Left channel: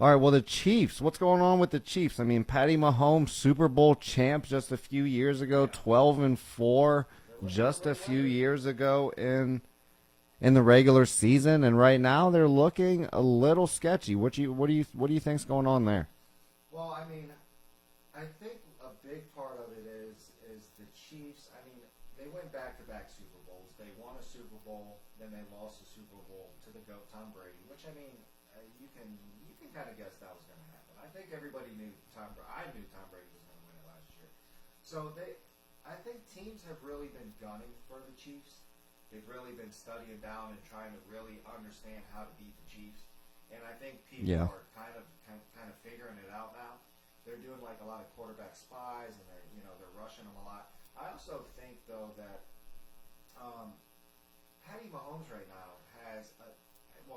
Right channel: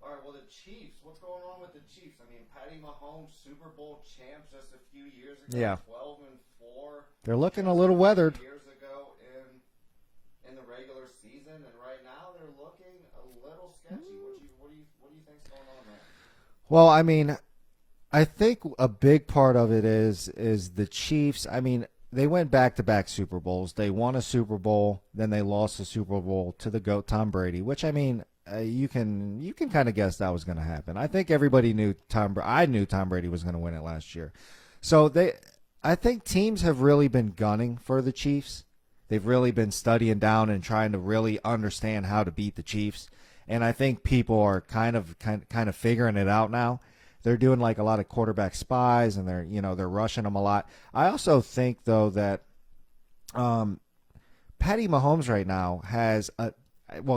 All right, well, the Chiefs. What's going on with the Chiefs? I mean, Patty Mahomes, Super Bowl champ just a few years ago, 12-4. They're looking just a little weathered. Few years ago in the regular season, and right now they're looking a little sketchy. What do you think's going on there? Well, I mean, I think a big part of it is the Chiefs. I mean, they went back-to-back Super Bowls. They won a Super Bowl, then they lost the Super Bowl to the GOAT Tom Brady, which, I mean, you can kind of guess that was going to happen. I think everybody knew I knew Tom Brady was going to win it last year. So I think teams have really been gunning for the Chiefs. They've really been studying down and trying to really understand how to beat the Chiefs. And I think people are kind of figuring it out now. They're doing like a lot of quarterback spies, and they're rushing them a lot. I also think though that Patty Mahomes right now has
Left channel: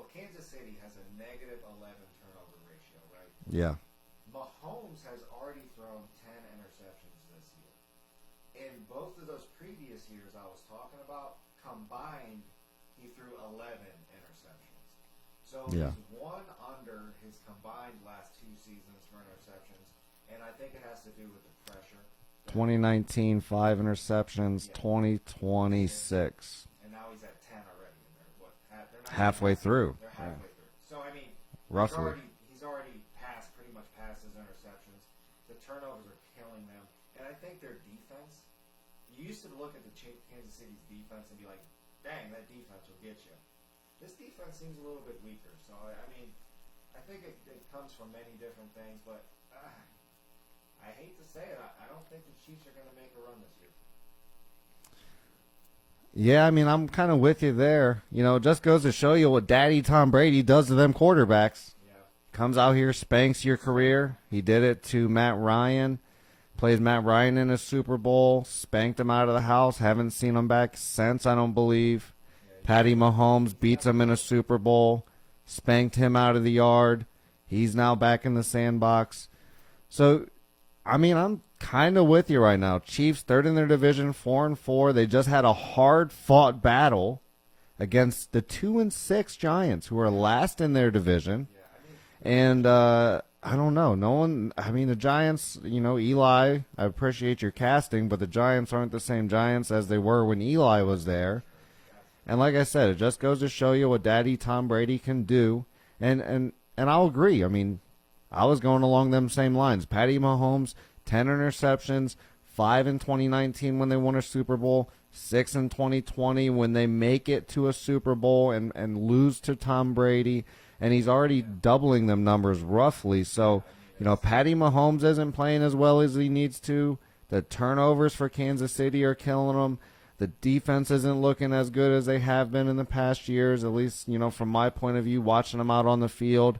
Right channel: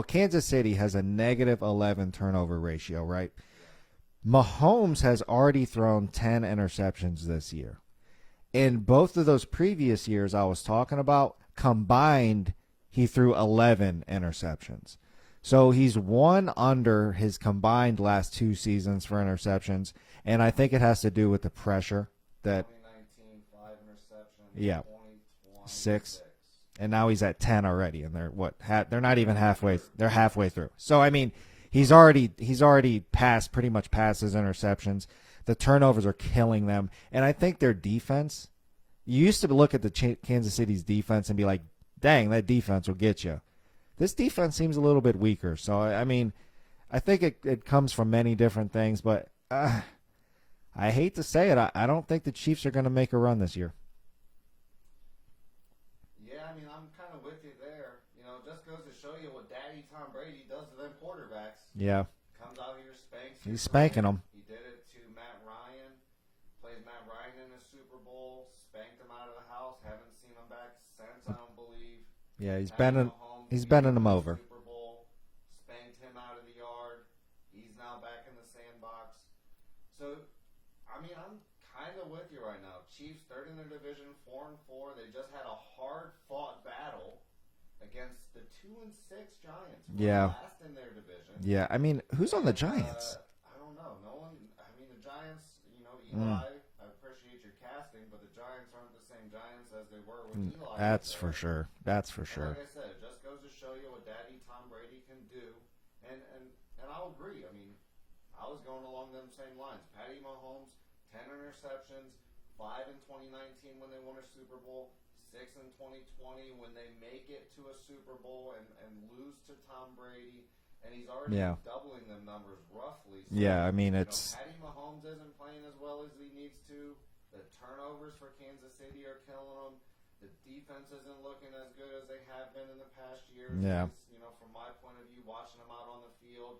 Kansas City has a negative 11 turnover ratio, right? Yeah. Mahomes has already thrown 10 interceptions this year. In both of those previous years I was talking about, combined, he threw 11 interceptions. So he's one under his combined last 2 seasons for interceptions, and I think it has to do with the pressure. 2019, 5 interceptions. 2020, 6. And now he's at 10 already, and they're not even halfway through. They're halfway through. So I mean, he's already pretty much passed his interceptions. The turnovers are killing them, and I think their defense. You used to look at the Kansas City's defense and be like, "Dang, that defense will get you." This defense seems a little bit weaker. So I mean, I think it comes from many different things, but I hate to say it, I don't think the Chiefs are going to make a run this year. Yeah, I mean, I'm kind of with you there. It just goes to show you what Daddy Tom Brady does to them quarterbacks. Yeah. Comes out here, spanks your career. He did it to Matt Ryan. Plays Matt Ryan in a Super Bowl. Spanked him out of the house. Haven't seen him back since, I don't believe. Yeah, Patty Mahomes beats him in a Super Bowl. Spanked him out of the yard. He's now back in the sandbox. So, I mean, I'm kind of with you right now. Chiefs, third in their division, 4-4. They just had a hard-fought battle against the 2-6 Giants, who are last in their division. Yeah, I mean, who's on the Giants? I don't know. No one. I mean, the Giants. Eli. I appreciate your casting, but the Giants aren't the same Giants as they were when Eli was there. That's for sure. And like I said, it just goes to show you what Daddy Tom Brady can do. And I'll agree. I mean, I was going along them same lines. Patty Mahomes, 10 interceptions, 5 in 2019 when they won a Super Bowl, 6 in 2020 when they make it to a Super Bowl and lose to Tom Brady. And he's already doubling them numbers roughly. So, I mean, Patty Mahomes isn't playing as well as he needs to. The turnovers for Kansas City are killing him. The defense isn't looking as good as they have been in the past years, at least, from my point of view, watching them out on the field.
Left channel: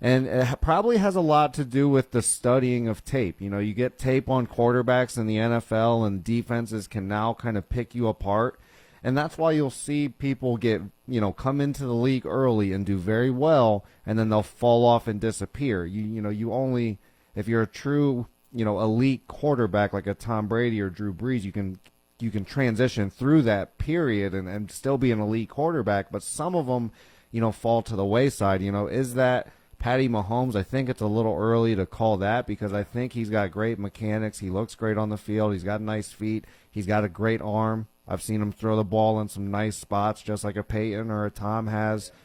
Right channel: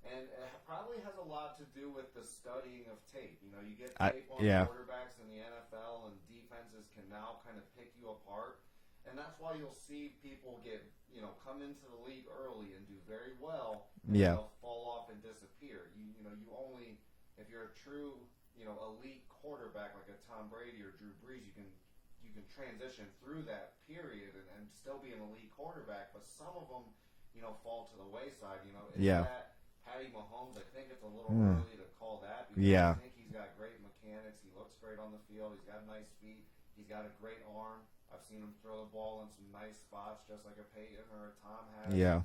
And it probably has a lot to do with the studying of tape. You get tape on quarterbacks in the NFL, and defenses can now kind of pick you apart. And that's why you'll see people come into the league early and do very well, and then they'll fall off and disappear. You only, if you're a true, elite quarterback like a Tom Brady or Drew Brees, you can transition through that period and still be an elite quarterback. But some of them, fall to the wayside. That Patty Mahomes? I think it's a little early to call that because I think he's got great mechanics. He looks great on the field. He's got nice feet. He's got a great arm. I've seen him throw the ball in some nice spots, just like a Peyton or a Tom has. Yeah.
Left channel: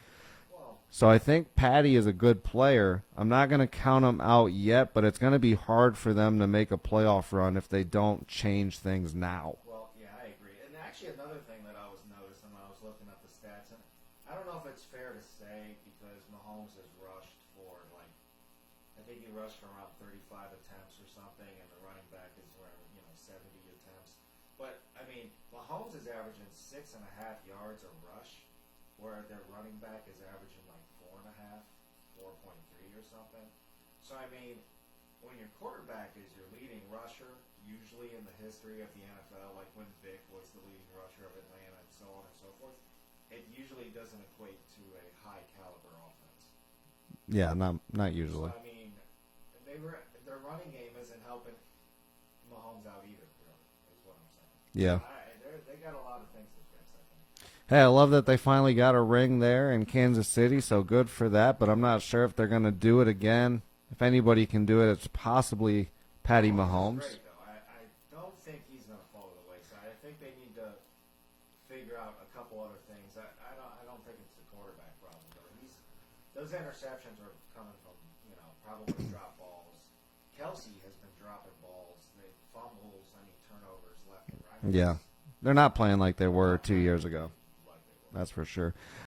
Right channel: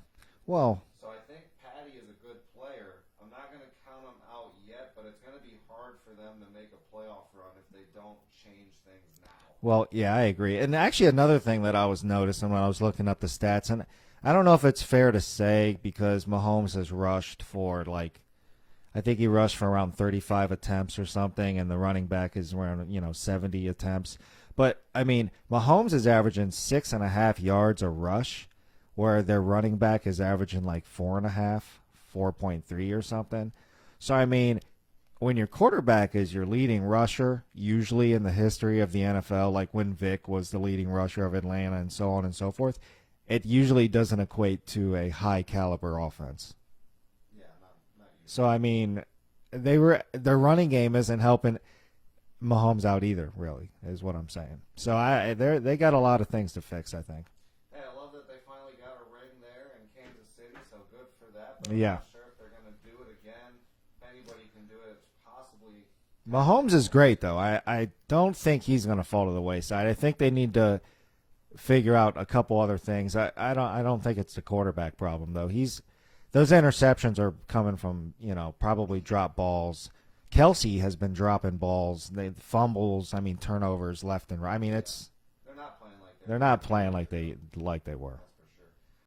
Well, so I think Patty is a good player. I'm not going to count him out yet, but it's going to be hard for them to make a playoff run if they don't change things now. Well, yeah, I agree. And actually another thing that I was noticing when I was looking up the stats, and I don't know if it's fair to say because Mahomes has rushed for I think he rushed for around 35 attempts or something, and the running back is around 70 attempts. But, I mean, Mahomes is averaging 6.5 yards a rush, where their running back is averaging 4.5, 4.3 or something. So, I mean, when your quarterback is your leading rusher, usually in the history of the NFL, like when Vic was the leading rusher of Atlanta and so on and so forth, it usually doesn't equate to a high-caliber offense. Yeah, not usually. So, I mean, their running game isn't helping Mahomes out either, really, is what I'm saying. Yeah. So they got a lot of things to fix, I think. Hey, I love that they finally got a ring there in Kansas City, so good for that. But I'm not sure if they're going to do it again. If anybody can do it, it's possibly Patty Mahomes. Mahomes is great, though. I don't think he's going to fall to the wayside. I think they need to figure out a couple other things. I don't think it's the quarterback problem, though. Those interceptions are coming from, probably drop balls. Kelsey has been dropping balls, fumbles, turnovers left and right. They're not playing like they were 2 years ago. Like they were. That's for sure.